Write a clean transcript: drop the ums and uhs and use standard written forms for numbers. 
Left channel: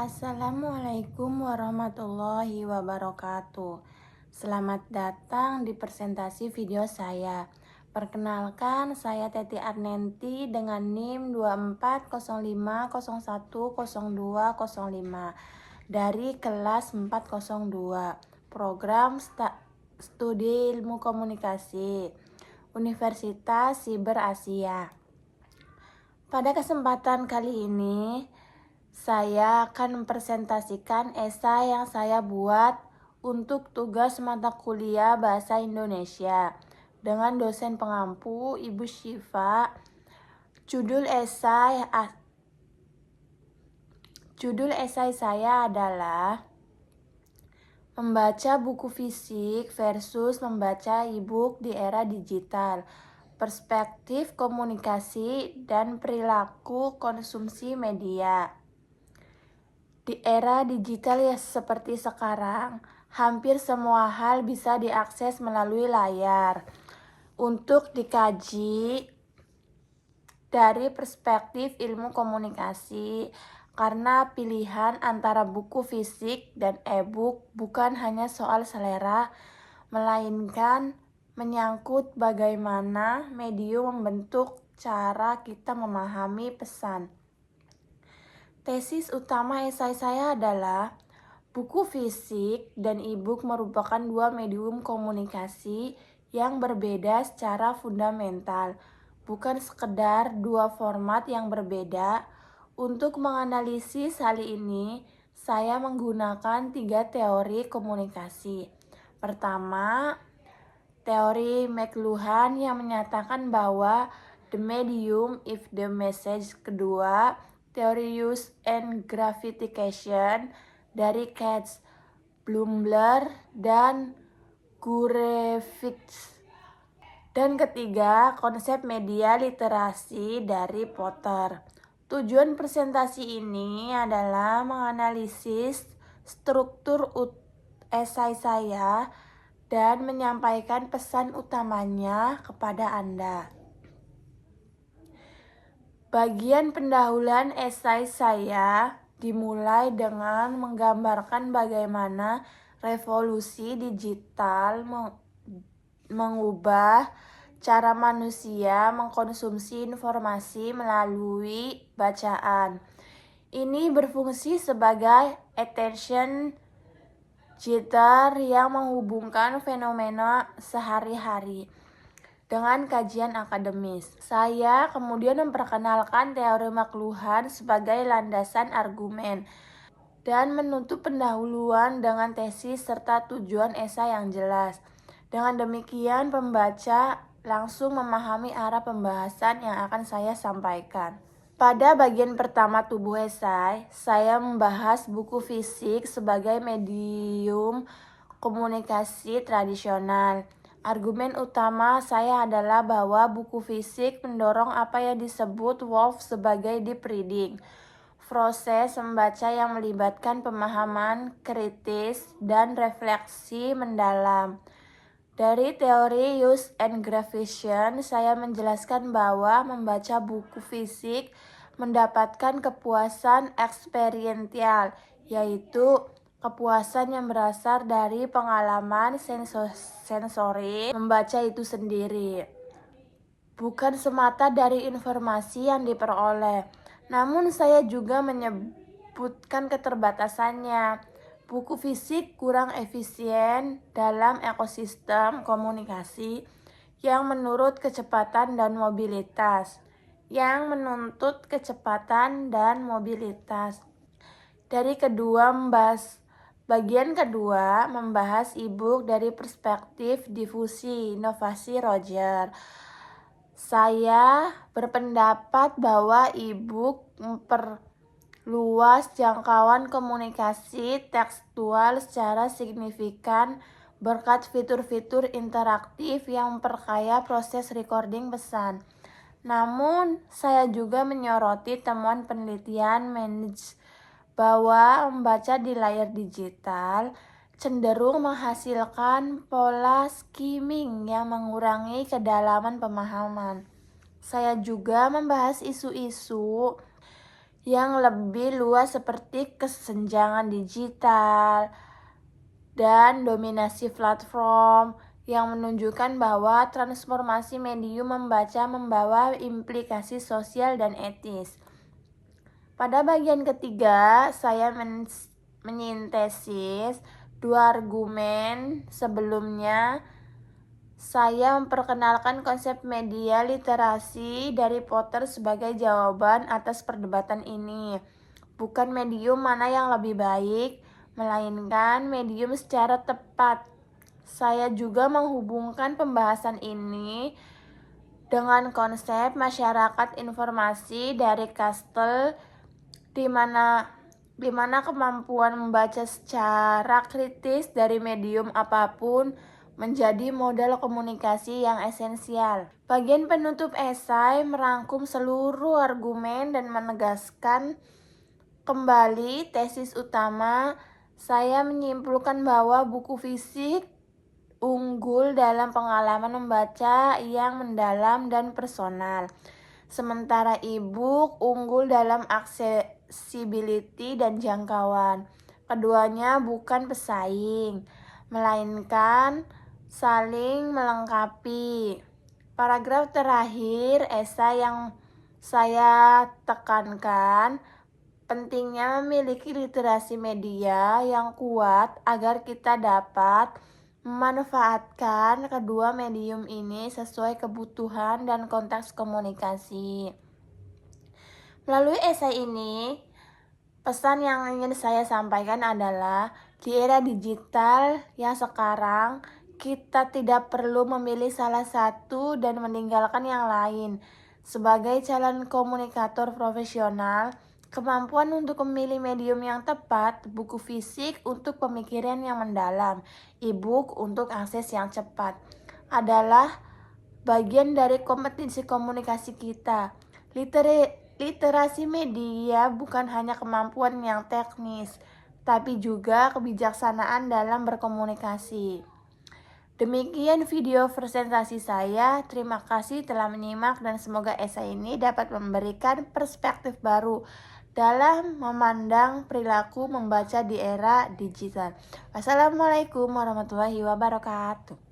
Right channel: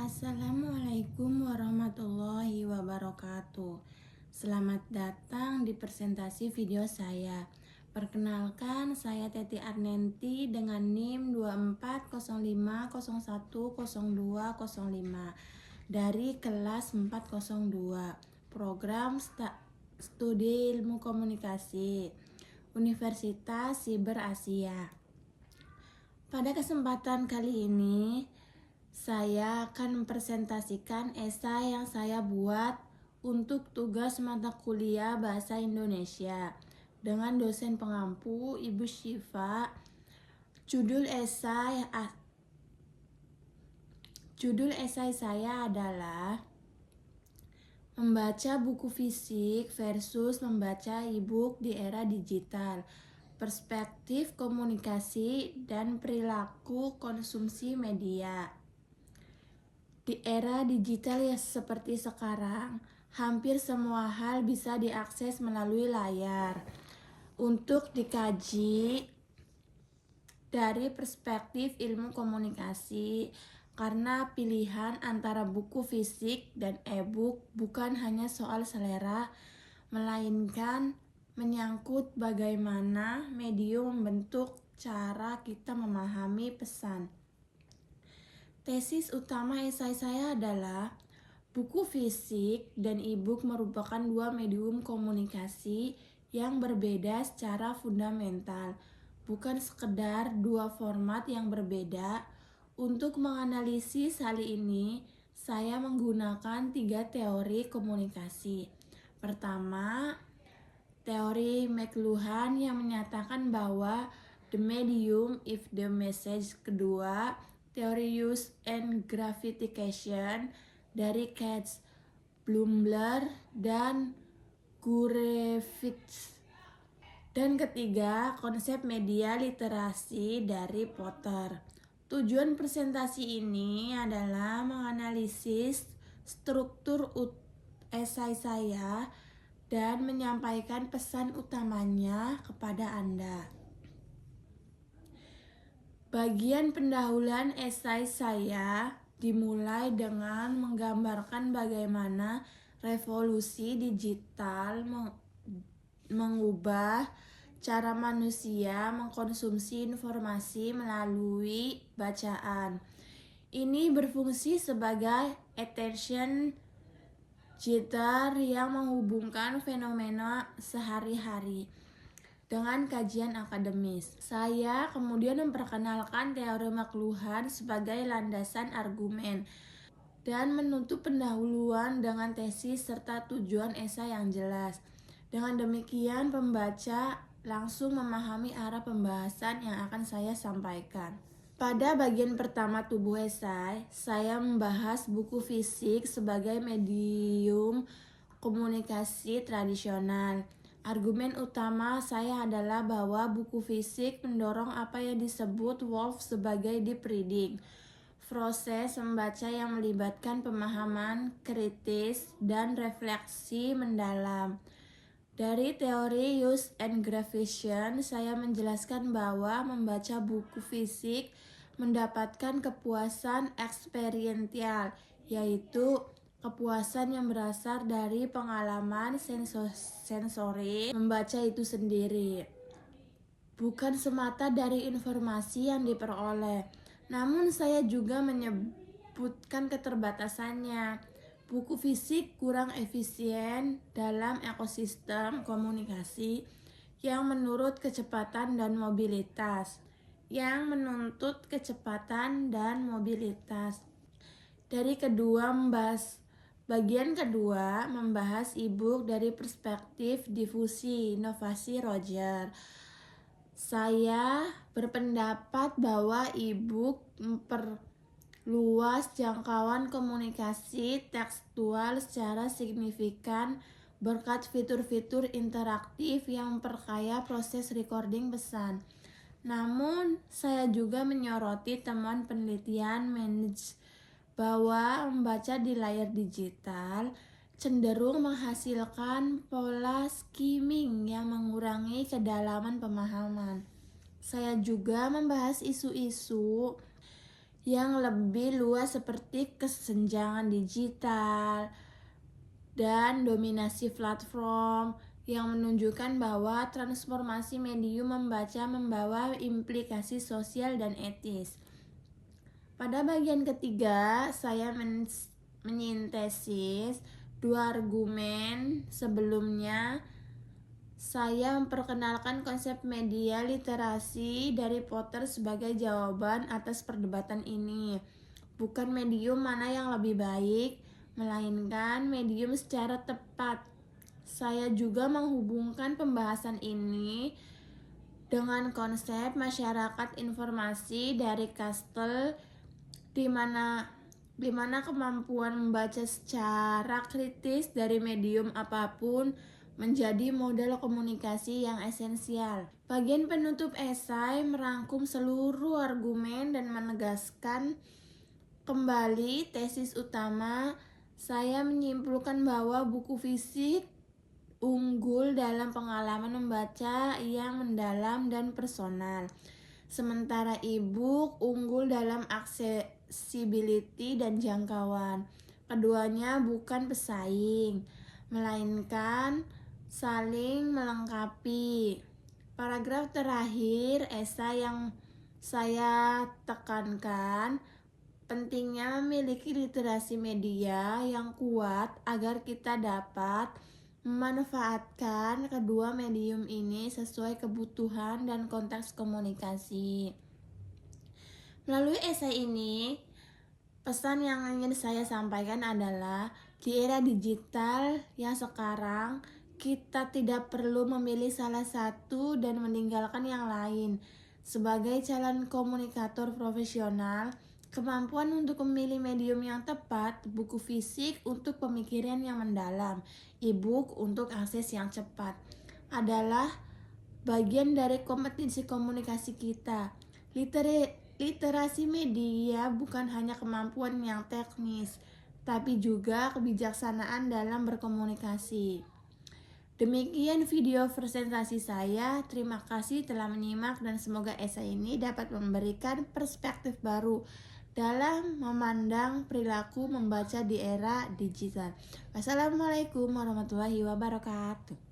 Assalamualaikum warahmatullahi wabarakatuh. Selamat datang di presentasi video saya. Perkenalkan, saya Teti Arnenti dengan NIM 2405010205 dari kelas 402, program studi ilmu komunikasi, Universitas Siber Asia. Pada kesempatan kali ini, saya akan mempresentasikan esai yang saya buat untuk tugas mata kuliah Bahasa Indonesia dengan dosen pengampu Ibu Syifa. Judul esai saya adalah membaca buku fisik versus membaca e-book di era digital, perspektif komunikasi dan perilaku konsumsi media. Di era digital ya seperti sekarang, hampir semua hal bisa diakses melalui layar. Untuk dikaji dari perspektif ilmu komunikasi, karena pilihan antara buku fisik dan e-book bukan hanya soal selera, melainkan menyangkut bagaimana medium membentuk cara kita memahami pesan. Tesis utama esai saya adalah buku fisik dan e-book merupakan dua medium komunikasi yang berbeda secara fundamental, bukan sekedar dua format yang berbeda. Untuk menganalisis hal ini, saya menggunakan 3 teori komunikasi. Pertama, teori McLuhan yang menyatakan bahwa the medium is the message. Kedua, teori use and gratification dari Katz, Blumler, dan Gurevich. Dan ketiga, konsep media literasi dari Potter. Tujuan presentasi ini adalah menganalisis struktur esai saya dan menyampaikan pesan utamanya kepada Anda. Bagian pendahuluan esai saya dimulai dengan menggambarkan bagaimana revolusi digital mengubah cara manusia mengkonsumsi informasi melalui bacaan. Ini berfungsi sebagai attention jitter yang menghubungkan fenomena sehari-hari dengan kajian akademis. Saya kemudian memperkenalkan teori McLuhan sebagai landasan argumen dan menutup pendahuluan dengan tesis serta tujuan esai yang jelas. Dengan demikian, pembaca langsung memahami arah pembahasan yang akan saya sampaikan. Pada bagian pertama tubuh esai, saya membahas buku fisik sebagai medium komunikasi tradisional. Argumen utama saya adalah bahwa buku fisik mendorong apa yang disebut Wolff sebagai deep reading, proses membaca yang melibatkan pemahaman kritis dan refleksi mendalam. Dari teori use and gratification, saya menjelaskan bahwa membaca buku fisik mendapatkan kepuasan eksperiential, yaitu kepuasan yang berasal dari pengalaman sensori membaca itu sendiri, bukan semata dari informasi yang diperoleh. Namun saya juga menyebutkan keterbatasannya. Buku fisik kurang efisien dalam ekosistem komunikasi yang menurut kecepatan dan mobilitas, yang menuntut kecepatan dan mobilitas. Bagian kedua membahas e-book dari perspektif difusi inovasi Roger. Saya berpendapat bahwa e-book memperluas jangkauan komunikasi tekstual secara signifikan berkat fitur-fitur interaktif yang memperkaya proses recording pesan. Namun, saya juga menyoroti temuan penelitian bahwa membaca di layar digital cenderung menghasilkan pola skimming yang mengurangi kedalaman pemahaman. Saya juga membahas isu-isu yang lebih luas seperti kesenjangan digital dan dominasi platform yang menunjukkan bahwa transformasi medium membaca membawa implikasi sosial dan etis. Pada bagian ketiga, saya menyintesis dua argumen sebelumnya. Saya memperkenalkan konsep media literasi dari Potter sebagai jawaban atas perdebatan ini. Bukan medium mana yang lebih baik, melainkan medium secara tepat. Saya juga menghubungkan pembahasan ini dengan konsep masyarakat informasi dari Kastel, di mana kemampuan membaca secara kritis dari medium apapun menjadi modal komunikasi yang esensial. Bagian penutup esai merangkum seluruh argumen dan menegaskan kembali tesis utama. Saya menyimpulkan bahwa buku fisik unggul dalam pengalaman membaca yang mendalam dan personal, sementara e-book unggul dalam accessibility dan jangkauan. Keduanya bukan pesaing, melainkan saling melengkapi. Paragraf terakhir esai yang saya tekankan pentingnya memiliki literasi media yang kuat agar kita dapat memanfaatkan kedua medium ini sesuai kebutuhan dan konteks komunikasi. Melalui esai ini, pesan yang ingin saya sampaikan adalah di era digital yang sekarang, kita tidak perlu memilih salah satu dan meninggalkan yang lain. Sebagai calon komunikator profesional, kemampuan untuk memilih medium yang tepat, buku fisik untuk pemikiran yang mendalam, e-book untuk akses yang cepat, adalah bagian dari kompetensi komunikasi kita. Literasi media bukan hanya kemampuan yang teknis, tapi juga kebijaksanaan dalam berkomunikasi. Demikian video presentasi saya. Terima kasih telah menyimak dan semoga esai ini dapat memberikan perspektif baru dalam memandang perilaku membaca di era digital. Wassalamualaikum warahmatullahi wabarakatuh.